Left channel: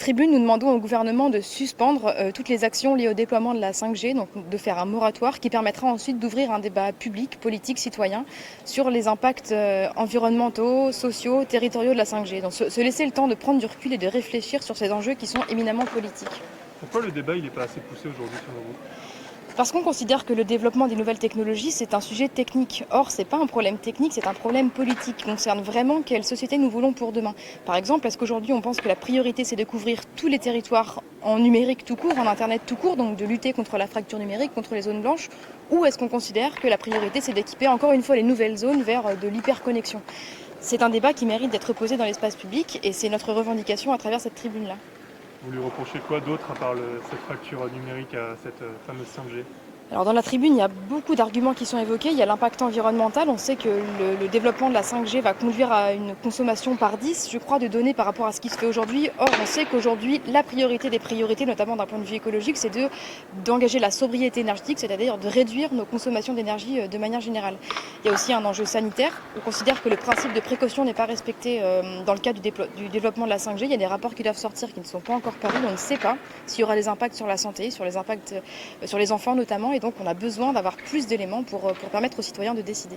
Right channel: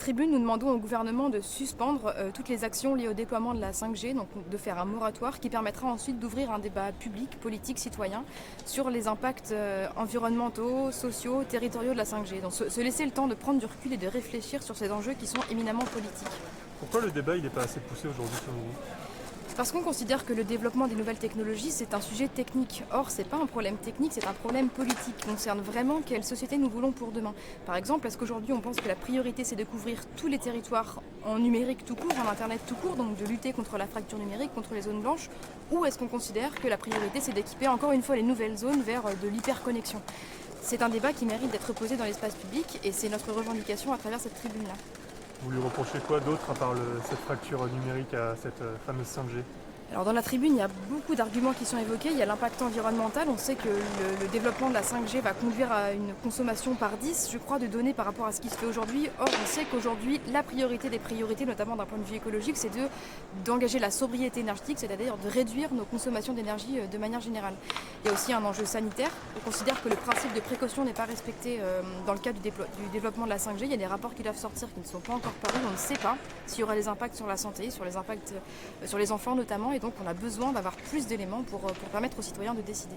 Tribune, nous demandons au gouvernement de suspendre toutes les actions liées au déploiement de la 5G, donc de faire un moratoire qui permettra ensuite d'ouvrir un débat public, politique, citoyen sur les impacts environnementaux, sociaux, territoriaux de la 5G. Donc se laisser le temps de prendre du recul et de réfléchir sur ces enjeux qui sont éminemment politiques. Pourquoi le débat il n'est pas assez poussé aujourd'hui selon vous? Parce qu'on considère que le développement des nouvelles technologies, c'est un sujet technique. Or, ce n'est pas un problème technique, c'est un problème politique qui concerne vraiment quelle société nous voulons pour demain. Par exemple, est-ce qu'aujourd'hui on pense que la priorité c'est de couvrir tous les territoires en numérique tout court, en Internet tout court, donc de lutter contre la fracture numérique, contre les zones blanches, ou est-ce qu'on considère que la priorité c'est d'équiper encore une fois les nouvelles zones vers de l'hyperconnexion? C'est un débat qui mérite d'être posé dans l'espace public et c'est notre revendication à travers cette tribune-là. Vous lui reprochez quoi d'autre à part cette fracture numérique à cette fameuse 5G? Alors dans la tribune, il y a beaucoup d'arguments qui sont évoqués. Il y a l'impact environnemental. On sait que le développement de la 5G va conduire à une consommation par 10, je crois, de données par rapport à ce qui se fait aujourd'hui. Or, on sait qu'aujourd'hui, la priorité des priorités, notamment d'un point de vue écologique, c'est d'engager la sobriété énergétique, c'est-à-dire de réduire nos consommations d'énergie de manière générale. Il y a aussi un enjeu sanitaire. On considère que le principe de précaution n'est pas respecté dans le cadre du développement de la 5G. Il y a des rapports qui doivent sortir qui ne sont pas encore parus. On ne sait pas s'il y aura des impacts sur la santé, sur les impacts sur les enfants notamment. Et donc on a besoin d'avoir plus d'éléments pour permettre aux citoyens de décider.